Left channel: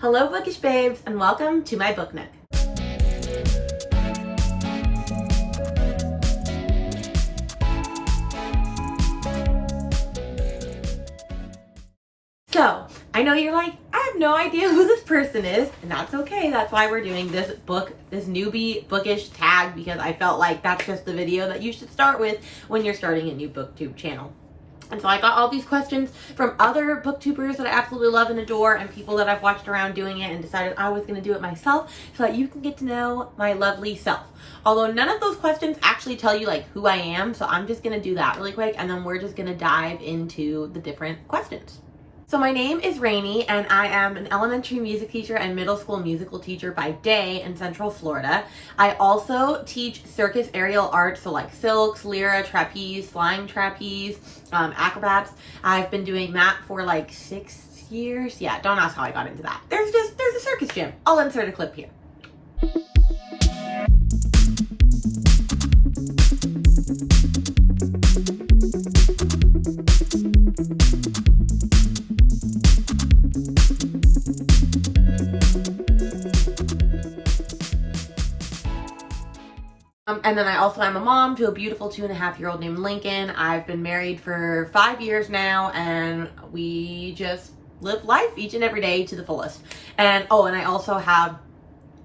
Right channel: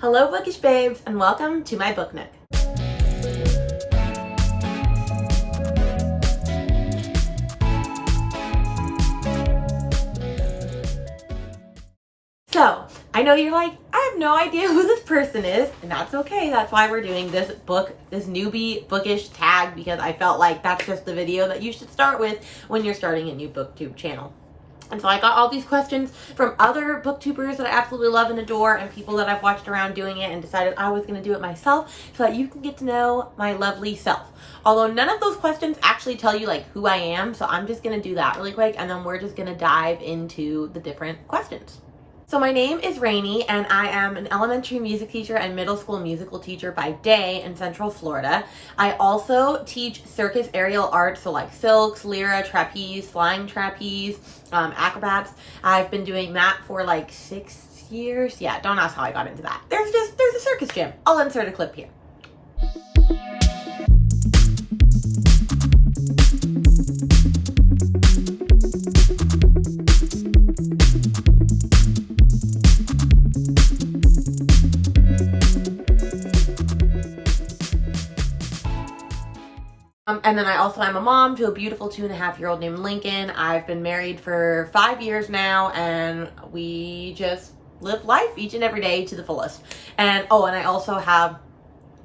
Hello bookish babes and welcome to my Book Nook. So, I know you're like, I have no idea who this person is, and that's okay. That's why we're doing this newbie bookish tag, because I felt like that's just the video that you should start with when you're starting a new booktube channel. And so I got all these questions from other booktubers that I absolutely love and adore, and people that I've watched around doing it, and decided I was going to do it myself so that you can get to know my lovely self. Although none of those questions actually tell you like who I am, so I'm just going to do that really quick, and then we're just going to dive into the different questions. So my name is Rainey, and I am an elementary music teacher and middle school musical teacher by day in Central Florida. I also teach circus aerial arts, so like silks, lyra, trapeze, flying trapeze, acrobats. I've been doing that for like 6 years. Yeah, don't ask how I got into that. There's a circus gym. I'll insert a clip here. And then I'm a mom to a beautiful 2.5-year-old named Lincoln. I've been married for 5 years now, and we just live life each and every day to the fullest. And I also have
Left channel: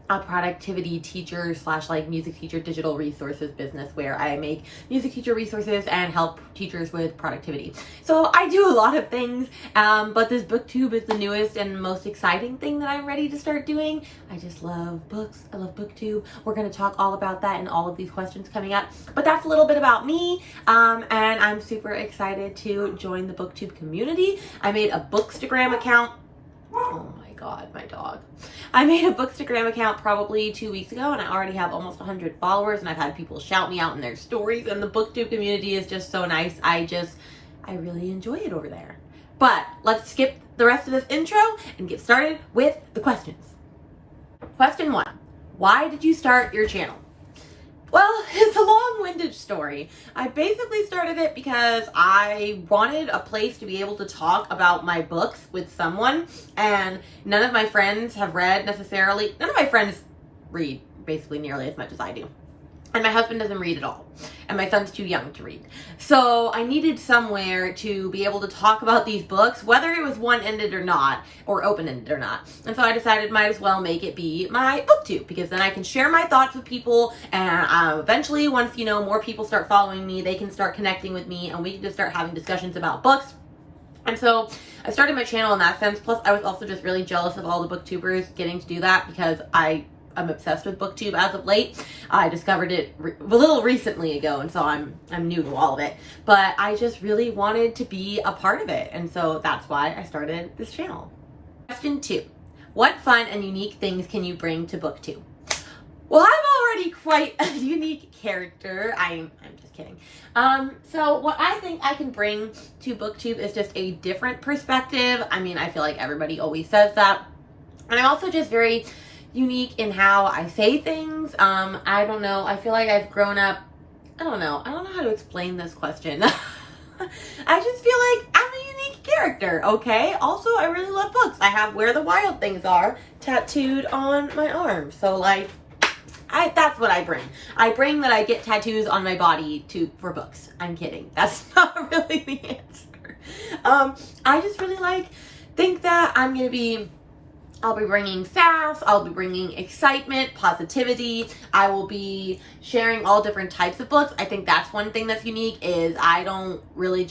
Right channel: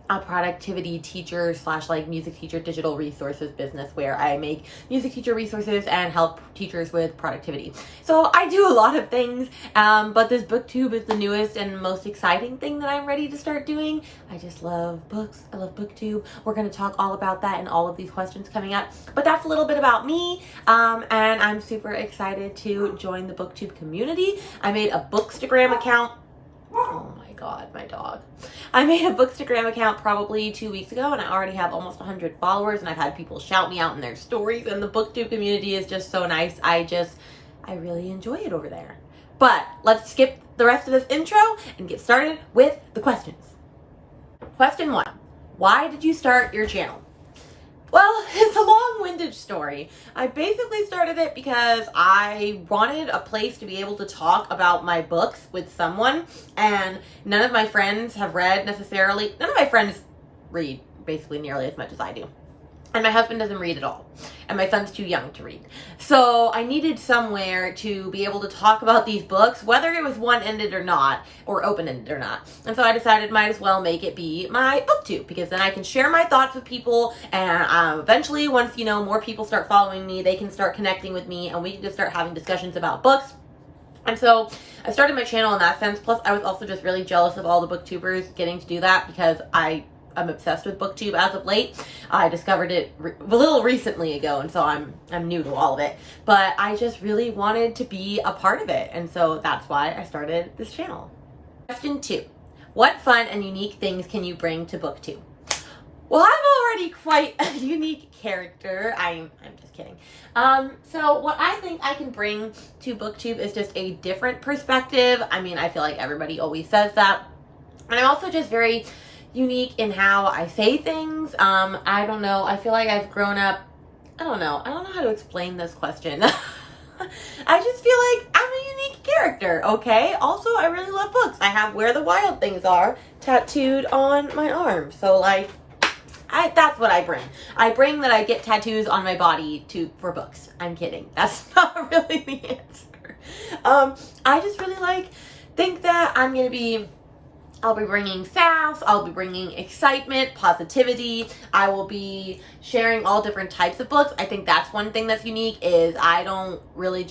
a productivity teacher / like music teacher digital resources business where I make music teacher resources and help teachers with productivity. So I do a lot of things, but this booktube is the newest and most exciting thing that I'm ready to start doing. I just love books. I love booktube. We're going to talk all about that in all of these questions coming up, but that's a little bit about me, and I'm super excited to join the booktube community. I made a Bookstagram account. Oh my God, my dog. I made a Bookstagram account probably 2 weeks ago, and I already have almost 100 followers, and I've had people shout me out in their stories, and the booktube community is just so nice. I really enjoy it over there. But let's skip the rest of this intro and get started with the questions. Question 1. Why did you start your channel? Well, it's a long-winded story. I basically started it because I wanted a place to be able to talk about my books with someone, and none of my friends have read necessarily. None of my friends read basically nearly as much as I do. And my husband doesn't read at all. And my son's too young to read. So I needed somewhere to be able to talk about these books, whether it was one-ended or not, or open-ended or not. And so I decided might as well make it be my booktube, because then I can share my thoughts with people, and eventually once, more people start following me, they can start connecting with me, and we can just start having discussions about books. And so I started my channel in that sense. Plus I was also just really jealous of all the booktubers getting to do that, because I'm obsessed with booktube as of late. I discovered it a little recently ago, and so I'm new to all of it. But I just really wanted to be a part of it, and so that's why I started this channel. Question 2. What fun and unique things can you bring to booktube? Well, I'm already quite a unique character. I'm just kidding. So what I think I can bring to booktube is just a different perspective. I mean, I feel like everybody always says that. And I'm also just very unique in how I say things. I don't know. I feel like I've grown up. I don't know how to explain this question. I just feel like I'm a unique character, okay? Also, I really love books. I have Where the Wild Things Are tattooed on my arm. So like, that's what I bring. I bring that I get tattoos on my body for books. I'm kidding. That's not really the answer. I just really think that I'll be bringing sass, I'll be bringing excitement, positivity. I will be sharing all different types of books. I think that's one thing that's unique, is I don't really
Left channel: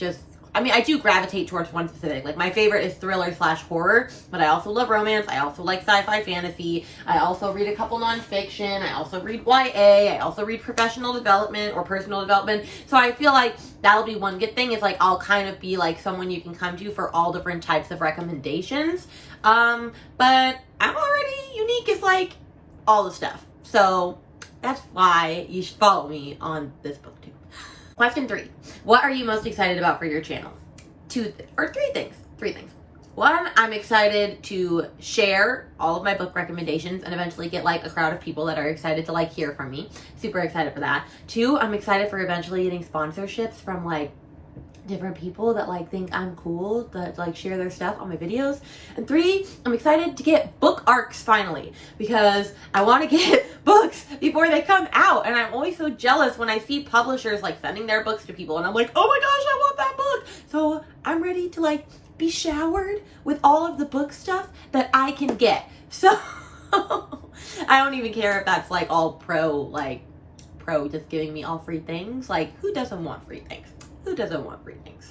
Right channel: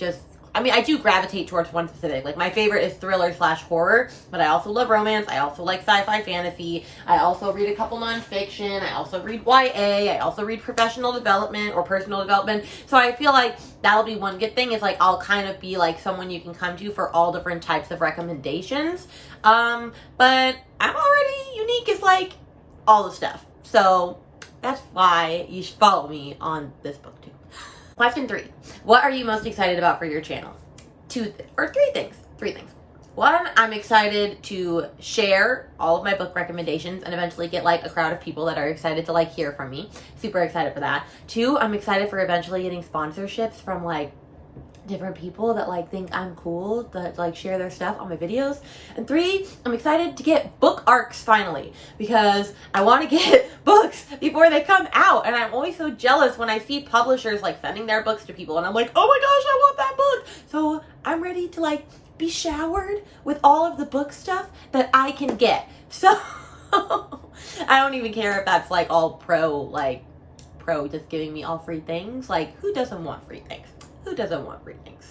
I do gravitate towards one specific. Like my favorite is thriller / horror, but I also love romance. I also like sci-fi fantasy. I also read a couple nonfiction. I also read YA. I also read professional development or personal development. So I feel like that'll be one good thing, is like I'll kind of be like someone you can come to for all different types of recommendations. But I'm already unique as like all the stuff. So that's why you should follow me on this booktube. Question 3. What are you most excited about for your channel? 3 things. 3 things. 1, I'm excited to share all of my book recommendations and eventually get like a crowd of people that are excited to like hear from me. Super excited for that. 2, I'm excited for eventually getting sponsorships from like different people that like think I'm cool, that like share their stuff on my videos. And 3, I'm excited to get book arcs finally, because I want to get books before they come out. And I'm always so jealous when I see publishers like sending their books to people and I'm like, oh my gosh, I want that book. So I'm ready to like be showered with all of the book stuff that I can get. So I don't even care if that's like all pro just giving me all free things. Like, who doesn't want free things? Who doesn't want free things?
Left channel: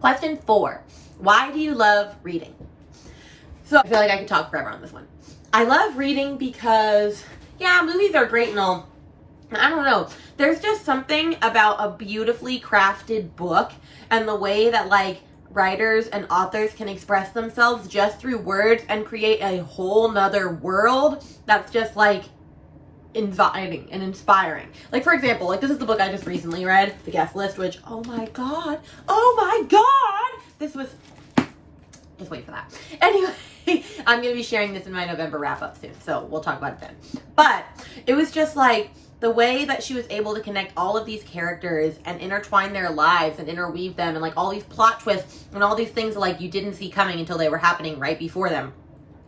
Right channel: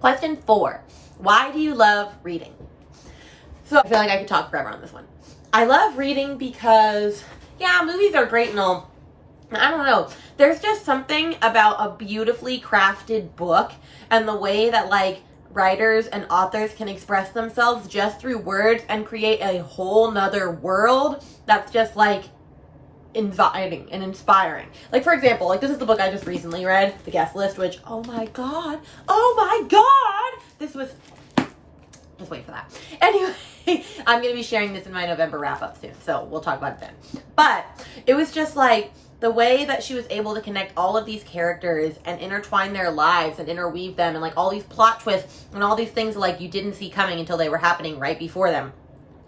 Question 4. Why do you love reading? So I feel like I could talk forever on this one. I love reading because, yeah, movies are great and all. I don't know. There's just something about a beautifully crafted book and the way that like writers and authors can express themselves just through words and create a whole nother world that's just like inviting and inspiring. Like, for example, like this is the book I just recently read, The Guest List, which, oh my god, this was, just wait for that. Anyway, I'm going to be sharing this in my November wrap up soon, so we'll talk about it then. But it was just like the way that she was able to connect all of these characters and intertwine their lives and interweave them and like all these plot twists and all these things that like you didn't see coming until they were happening right before them.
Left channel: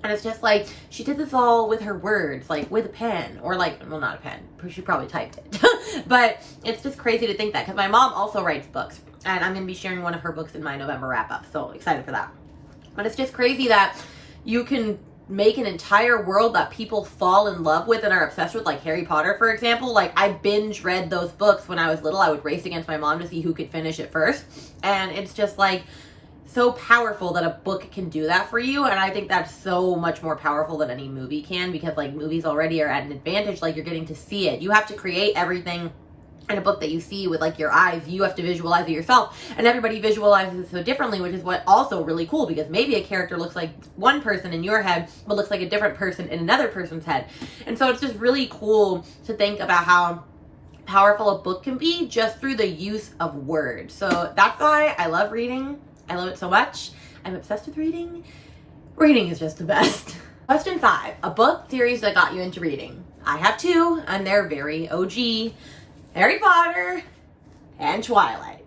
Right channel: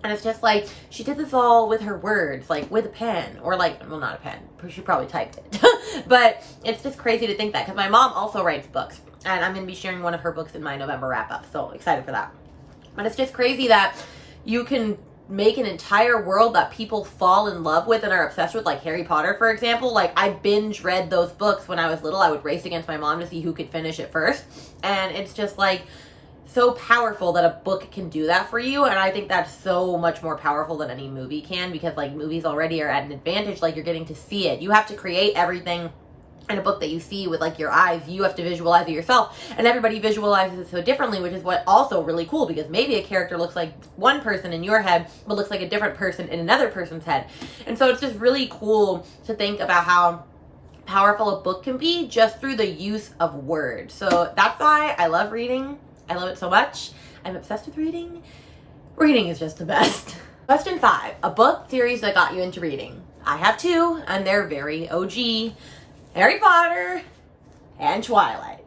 And it's just like, she did this all with her words, like with a pen, or like, well, not a pen, she probably typed it. But it's just crazy to think that, because my mom also writes books, and I'm going to be sharing one of her books in my November wrap up, so excited for that. But it's just crazy that you can make an entire world that people fall in love with and are obsessed with, like Harry Potter, for example. Like, I binge read those books when I was little. I would race against my mom to see who could finish it first, and it's just like so powerful that a book can do that for you. And I think that's so much more powerful than any movie can, because like movies already are at an advantage. Like, you're getting to see it. You have to create everything in a book that you see with like your eyes. You have to visualize it yourself, and everybody visualizes it so differently, which is what also really cool, because maybe a character looks like one person in your head but looks like a different person in another person's head. And so it's just really cool to think about how powerful a book can be just through the use of words. So that's why I love reading. I love it so much. I'm obsessed with reading. Reading is just the best. Question 5. A book series that got you into reading. I have 2, and they're very OG. Harry Potter and Twilight.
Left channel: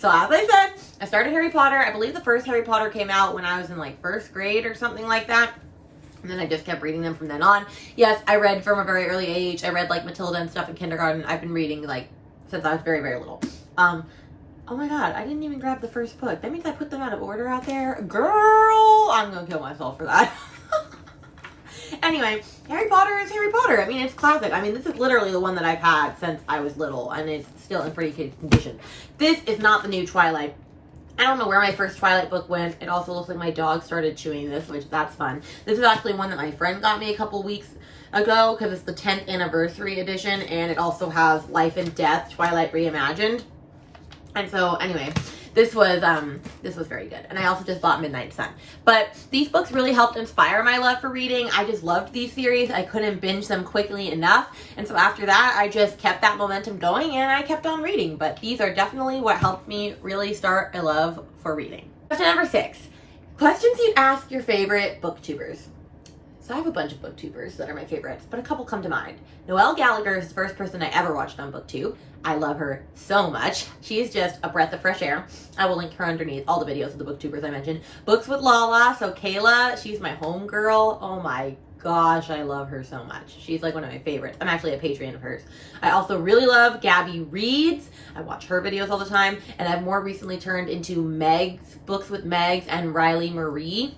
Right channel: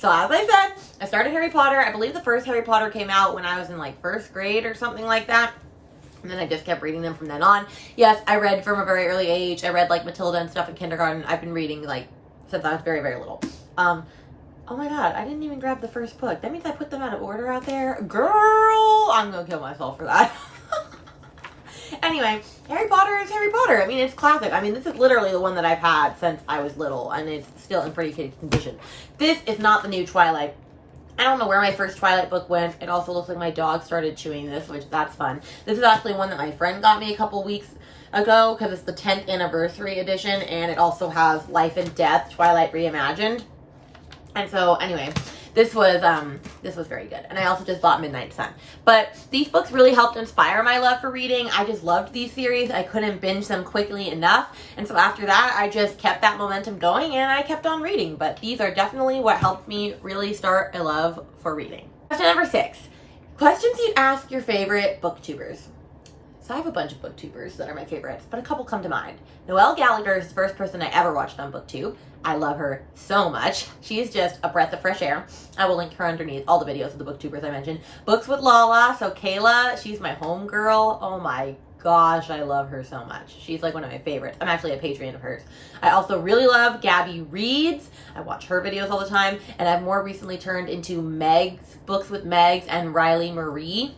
So as I said, I started Harry Potter. I believe the first Harry Potter came out when I was in like 1st grade or something like that. And then I just kept reading them from then on. Yes, I read from a very early age. I read like Matilda and stuff in kindergarten. I've been reading like since I was very, very little. Oh my god, I didn't even grab the first book. That means I put them out of order out there. Girl, I'm gonna kill myself for that. Anyway, Harry Potter is Harry Potter. I mean, it's classic. I mean, this is literally the one that I've had since I was little, and it's still in pretty good condition. This is not the new Twilight. I don't know where my first Twilight book went. It also looks like my dog started chewing this, which that's fun. This is actually one that my friend got me a couple weeks ago, because it's the 10th anniversary edition, and it also has Life and Death, Twilight Reimagined. And so anyway, this was very good. And I also just bought Midnight Sun. But these books really helped inspire my love for reading. I just loved these series. I couldn't binge them quickly enough. And so after that, I just kept that momentum going and I kept on reading. But these are definitely what helped me really start a love for reading. Question number 6. Questions you'd ask your favorite booktubers. So I have a bunch of booktubers that are my favorites, but a couple come to mind. Noelle Gallagher is the first person I ever watched on Booktube. I love her so much. She's just a breath of fresh air. I will link her underneath all the videos of the booktubers I mentioned. Books with Lala, so Kayla, she's my homegirl. Oh my gosh, I love her so much. She's like one of my favorites. I'm actually a Patreon of hers. I also really love Gabby Reads. I watch her videos all the time, and I've more recently turned into Meg's, Books with Megs, and Riley Marie.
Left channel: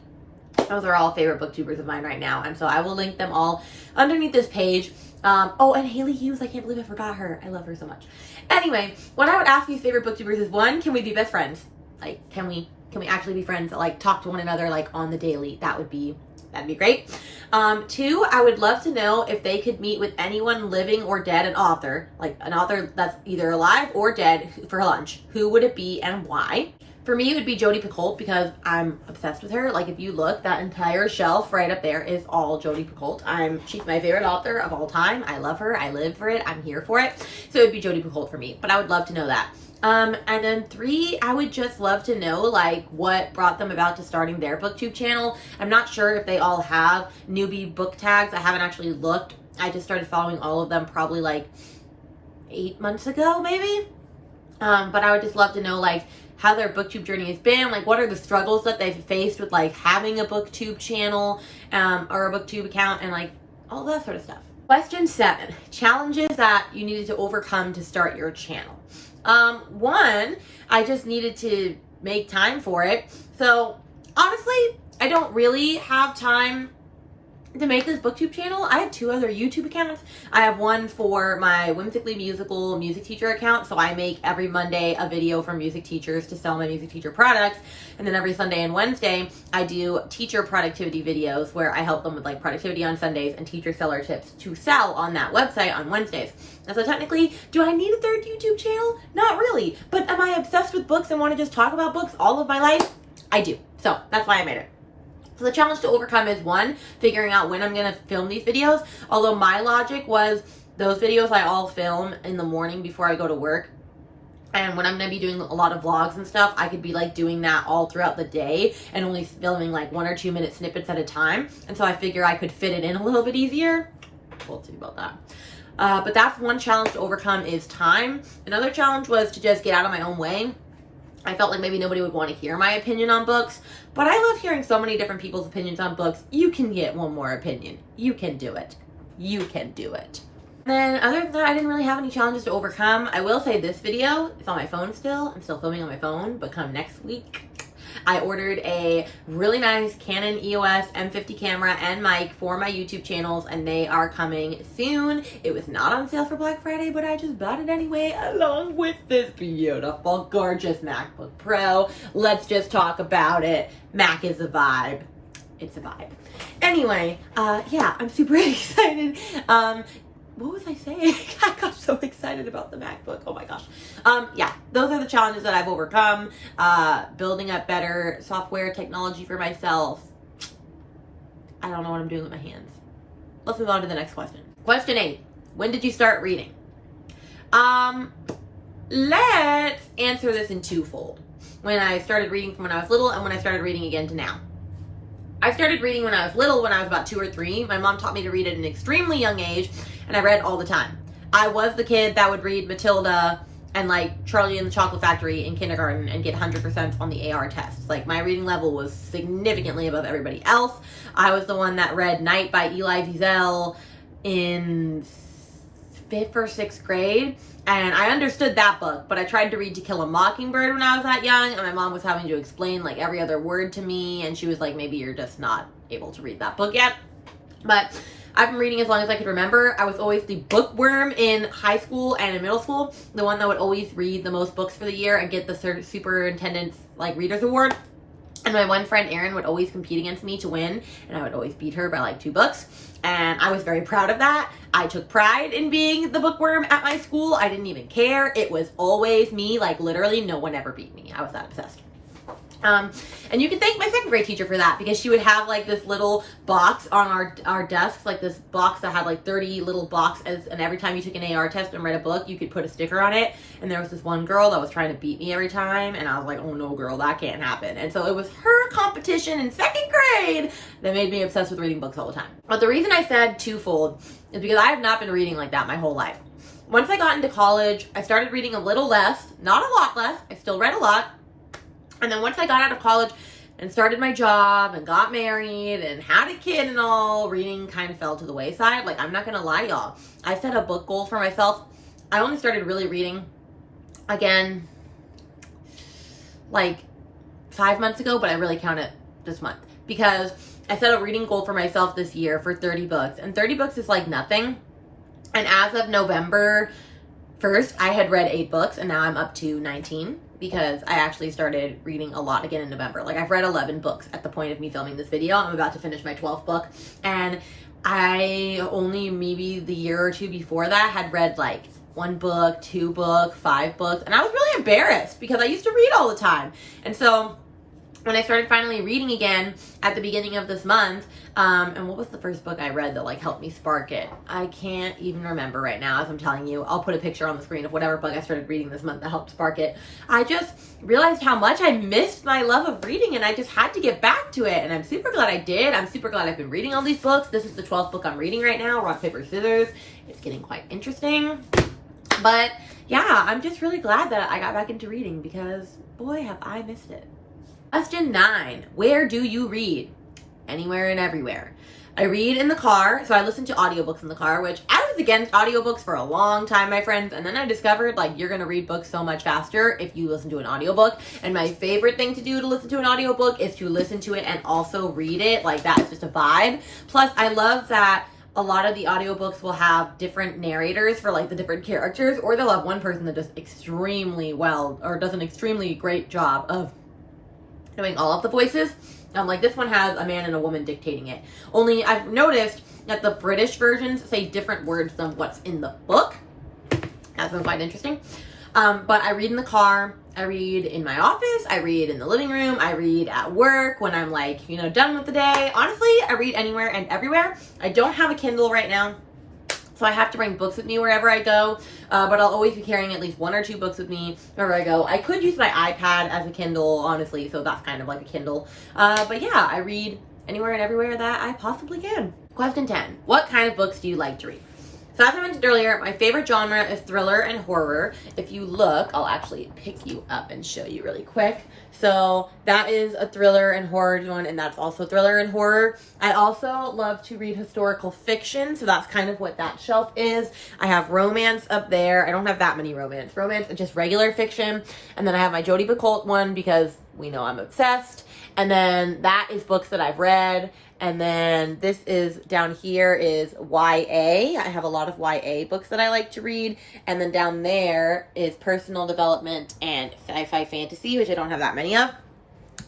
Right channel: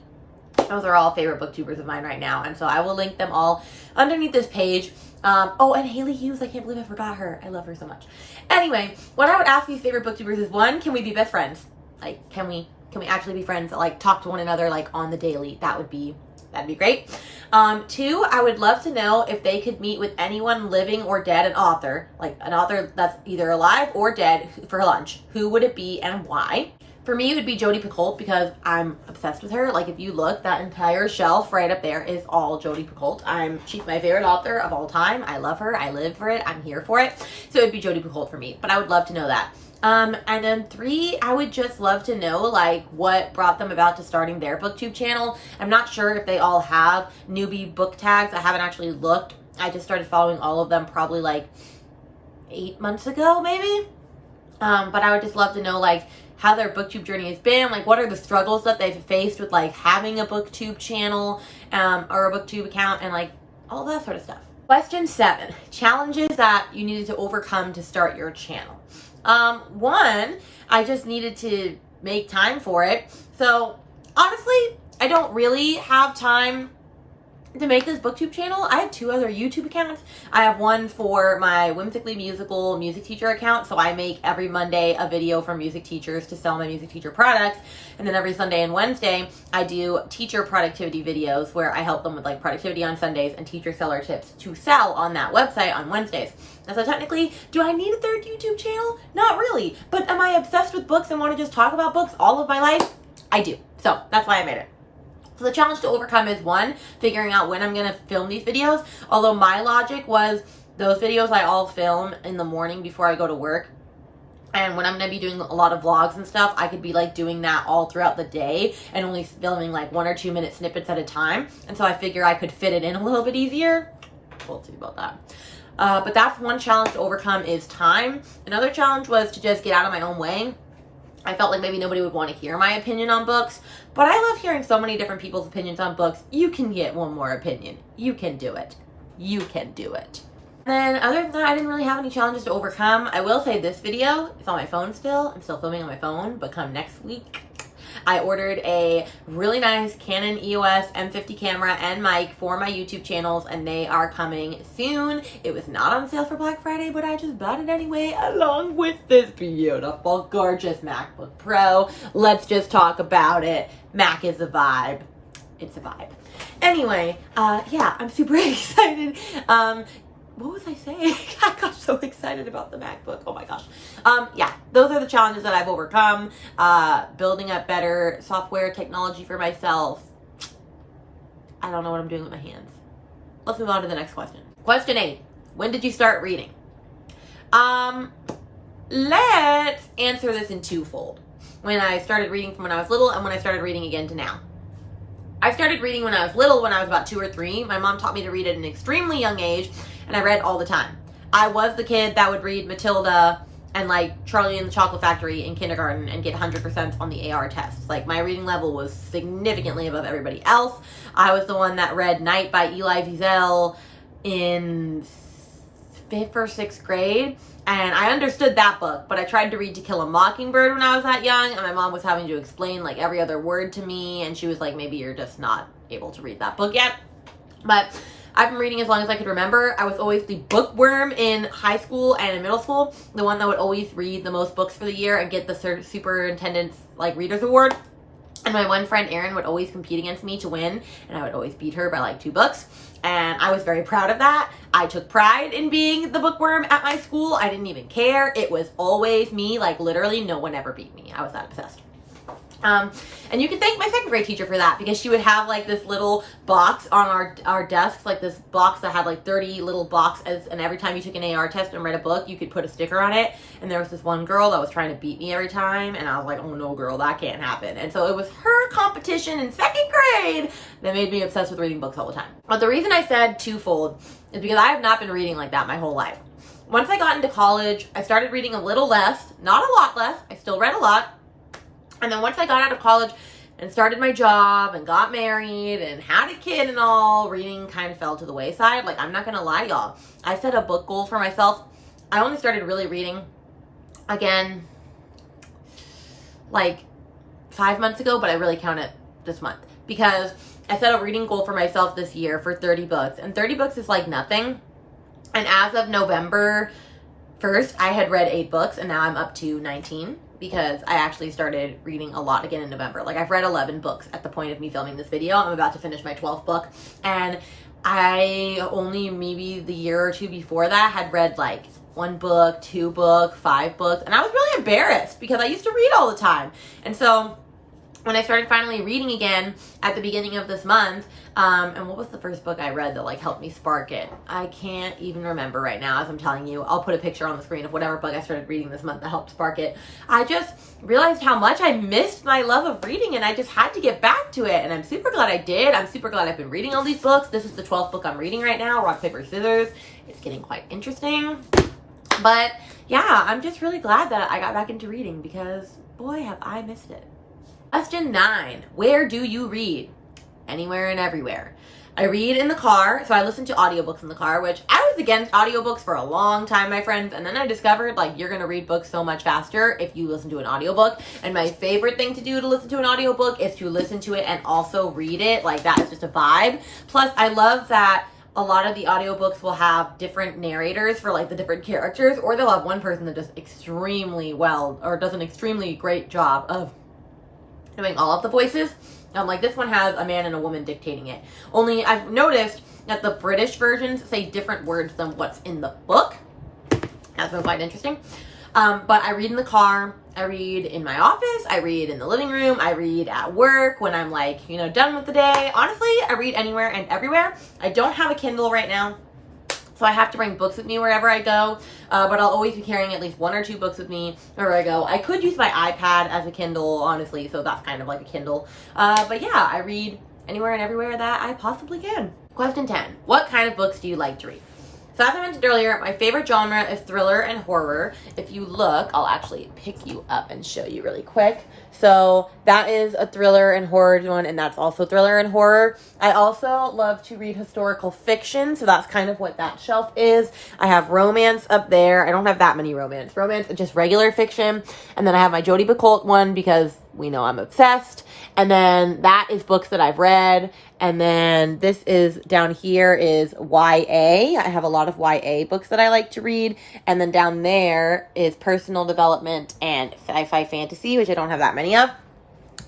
Those are all favorite booktubers of mine right now, and so I will link them all underneath this page. Oh, and Haley Hughes, I can't believe I forgot her. I love her so much. Anyway, what I would ask these favorite booktubers is, 1, can we be best friends? Like, can we actually be friends that like talk to one another like on the daily? That'd be great. 2, I would love to know if they could meet with anyone living or dead, an author that's either alive or dead, for lunch. Who would it be and why? For me, it would be Jodi Picoult, because I'm obsessed with her. Like, if you look, that entire shelf right up there is all Jodi Picoult. She's my favorite author of all time. I love her. I live for it. I'm here for it. So it would be Jodi Picoult for me, but I would love to know that. And then 3, I would just love to know like what brought them about to starting their booktube channel. I'm not sure if they all have newbie book tags. I haven't actually looked. I just started following all of them probably like 8 months ago, maybe. But I would just love to know like how their booktube journey has been, like what are the struggles that they've faced with like having a booktube channel or a booktube account, and like all that sort of stuff. Question 7, challenges that you needed to overcome to start your channel. One, I just needed to make time for it. So honestly, I don't really have time to make this booktube channel. I have 2 other YouTube accounts. I have one for my Whimsically Musical music teacher account. So I make every Monday a video for music teachers to sell my music teacher products. And then every Sunday and Wednesday, I do teacher productivity videos where I help them with like productivity on Sundays and teacher seller tips to sell on that website on Wednesdays. And so technically, do I need a 3rd YouTube channel? Not really. But am I obsessed with books and want to just talk about books all of my life? I do. So that's why I made it. So the challenge to overcome is 1, figuring out when I'm going to film these videos. Although my logic was those videos I all film in the morning before I go to work. And when I'm going to be doing a lot of vlogs and stuff, I could be like doing that all throughout the day and only filming like 1 or 2 minute snippets at a time. And so I figure I could fit it in a little bit easier. We'll see about that. But that's one challenge to overcome is time. Another challenge was to just get out of my own way. I felt like maybe nobody would want to hear my opinion on books, but I love hearing so many different people's opinions on books. You can get one more opinion. You can do it. You can do it. Then other than that, I didn't really have any challenges to overcome. I will say this video is on my phone still. I'm still filming on my phone, but come next week, I ordered a really nice Canon EOS M50 camera and mic for my YouTube channels, and they are coming soon. It was not on sale for Black Friday, but I just bought it anyway, along with this beautiful, gorgeous MacBook Pro. Let's just talk about it. Mac is a vibe. It's a vibe. Anyway, yeah, I'm super excited. What was I saying? I got so excited about the MacBook. Oh my gosh. Yeah, those are the challenges that I've overcome. Building up better software technology for myself. I don't know what I'm doing with my hands. Let's move on to the next question. Question 8. When did you start reading? Let's answer this in twofold. When I started reading from when I was little and when I started reading again to now. I started reading when I was little, when I was about 2 or 3. My mom taught me to read at an extremely young age, and I read all the time. I was the kid that would read Matilda and like Charlie and the Chocolate Factory in kindergarten and get 100% on the AR tests. Like my reading level was significantly above everybody else. I was the one that read Night by Elie Wiesel in 5th or 6th grade. And I understood that book, but I tried to read To Kill a Mockingbird when I was that young, and my mom was having to explain like every other word to me, and she was like, maybe you're just not able to read that book yet. But I've been reading as long as I could remember. I was always the bookworm in high school and in middle school, the one that would always read the most books for the year and get the superintendent's like readers award. And my one friend Erin would always compete against me to win, and I would always beat her by like 2 books. And I was very proud of that. I took pride in being the bookworm at my school. I didn't even care. It was always me. Like literally no one ever beat me. I was that obsessed. And you can thank my 2nd grade teacher for that, because she would have like this little box on our desks, like this box that had like 30 little boxes, and every time you took an AR test and read a book, you could put a sticker on it. And there was this one girl that was trying to beat me every time, and I was like, oh no girl, that can't happen. And so it was her competition in 2nd grade that made me obsessed with reading books all the time. But the reason I said twofold is because I have not been reading like that my whole life. Once I got into college, I started reading a little less, not a lot less. I still read a lot. And then once I got out of college and started my job and got married and had a kid and all, reading kind of fell to the wayside. Like, I'm not going to lie, y'all. I set a book goal for myself. I only started really reading again like 5 months ago, but I really count it this month because I set a reading goal for myself this year for 30 books. And 30 books is like nothing. And as of November 1st, I had read 8 books, and now I'm up to 19. Because I actually started reading a lot again in November. Like, I've read 11 books at the point of me filming this video. I'm about to finish my 12th book. And I only maybe the year or 2 before that had read like 1 book, 2 books, 5 books. And I was really embarrassed because I used to read all the time. And so when I started finally reading again at the beginning of this month, and what was the first book I read that like helped me spark it? I can't even remember right now as I'm telling you. I'll put a picture on the screen of whatever book I started reading this month that helped spark it. I just realized how much I missed my love of reading, and I just had to get back to it, and I'm super glad I did. I'm super glad I've been reading all these books. This is the 12th book I'm reading right now, Rock, Paper, Scissors. It's getting quite interesting. But yeah, I'm just really glad that I got back into reading because boy, have I missed it. Question 9. Where do you read? Anywhere and everywhere. I read in the car, so I listen to audiobooks in the car, which I was against audiobooks for a long time, my friends, and then I discovered, like, you're gonna read books so much faster if you listen to an audiobook, and my favorite thing to do to listen to an audiobook is to listen to it and also read it. Like, that is just a vibe. Plus, I love that a lot of the audiobooks will have different narrators for, like, the different characters, or they'll have one person that does extremely well, or does an extremely great job of doing all of the voices. Like this one has a man and a woman dictating it. Only I've noticed that the British versions say different words than what's in the book. That's been quite interesting. But I read in the car, I read in my office, I read in the living room, I read at work when I'm like, you know, done with the day. Honestly, I read anywhere and everywhere. I don't have a Kindle right now, so I have to bring books with me wherever I go, but I'll always be carrying at least 1 or 2 books with me wherever I go. I could use my iPad as a Kindle, honestly, so that's kind of like a Kindle. But yeah, I read anywhere and everywhere that I possibly can. Question 10. What kind of books do you like to read? So as I mentioned earlier, my favorite genre is thriller and horror. If you look, I'll actually pick you up and show you really quick. So that is a thriller and horror one, and that's also thriller and horror. I also love to read historical fiction, so that's kind of what that shelf is. I have romance up there. I don't have that many romance. Romance is just regular fiction. And then I have my Jodi Picoult one because we know I'm obsessed. And then that is books that I've read. And then this is down here is YA. I have a lot of YA books that I like to read. And then down there is personal development and sci-fi fantasy, which I don't have that many of.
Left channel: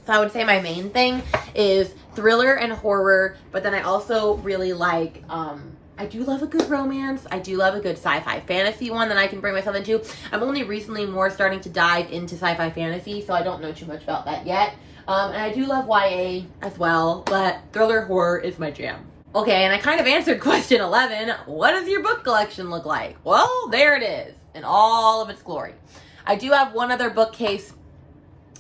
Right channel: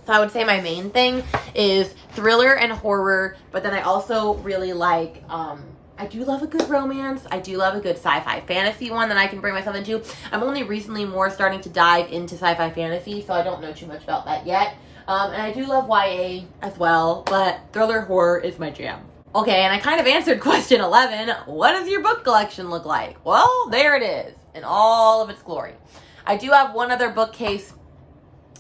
So I would say my main thing is thriller and horror, but then I also really like, I do love a good romance. I do love a good sci-fi fantasy one that I can bring myself into. I'm only recently more starting to dive into sci-fi fantasy, so I don't know too much about that yet. And I do love YA as well, but thriller horror is my jam. Okay, and I kind of answered question 11. What does your book collection look like? Well, there it is in all of its glory. I do have one other bookcase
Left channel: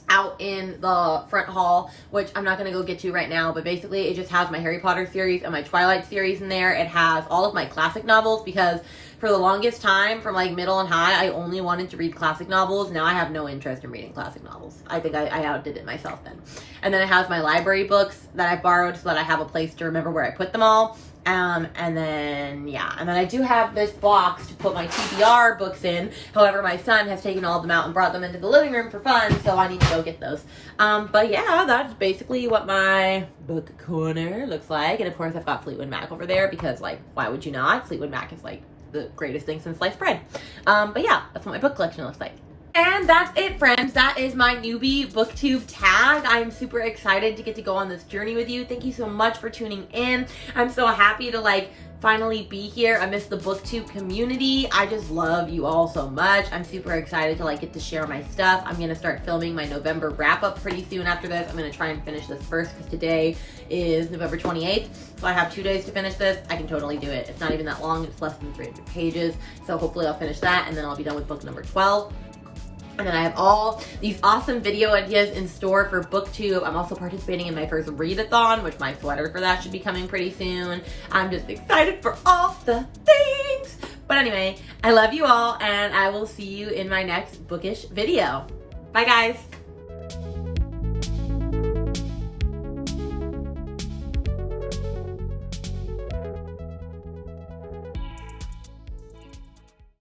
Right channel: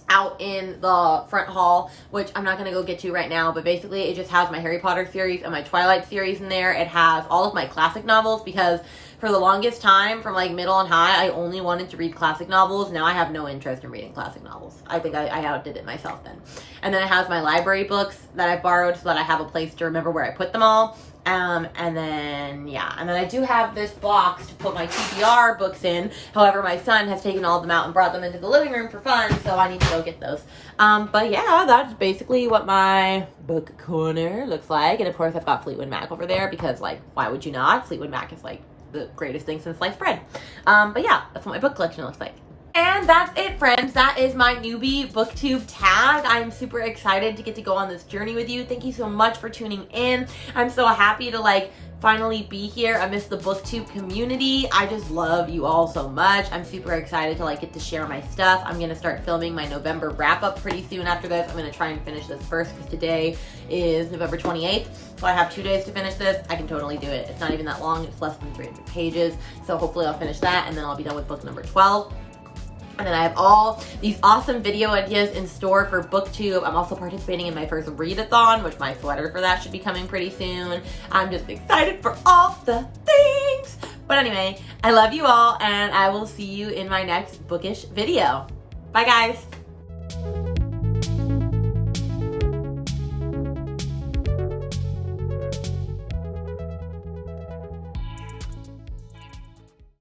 out in the front hall, which I'm not going to go get to right now, but basically it just has my Harry Potter series and my Twilight series in there. It has all of my classic novels because for the longest time, from like middle and high, I only wanted to read classic novels. Now I have no interest in reading classic novels. I think I outdid it myself then. And then it has my library books that I borrowed so that I have a place to remember where I put them all. And then I do have this box to put my TBR books in. However, my son has taken all of them out and brought them into the living room for fun, so I need to go get those. But yeah, that's basically what my book corner looks like. And of course, I've got Fleetwood Mac over there because, like, why would you not? Fleetwood Mac is like the greatest thing since sliced bread. But yeah, that's what my book collection looks like. And that's it, friends. That is my Newbie Booktube Tag. I'm super excited to get to go on this journey with you. Thank you so much for tuning in. I'm so happy to like finally be here. I miss the Booktube community. I just love you all so much. I'm super excited to like get to share my stuff. I'm gonna start filming my November wrap up pretty soon after this. I'm gonna try and finish this first because today is November 28th. So I have 2 days to finish this. I can totally do it. It's not even that long. It's less than 300 pages. So hopefully I'll finish that and then I'll be done with book number 12. And then I have all these awesome video ideas in store for Booktube. I'm also participating in my first readathon, which my sweater for that should be coming pretty soon. I'm just excited for all the things. But anyway, I love you all, and I will see you in my next bookish video. Bye, guys.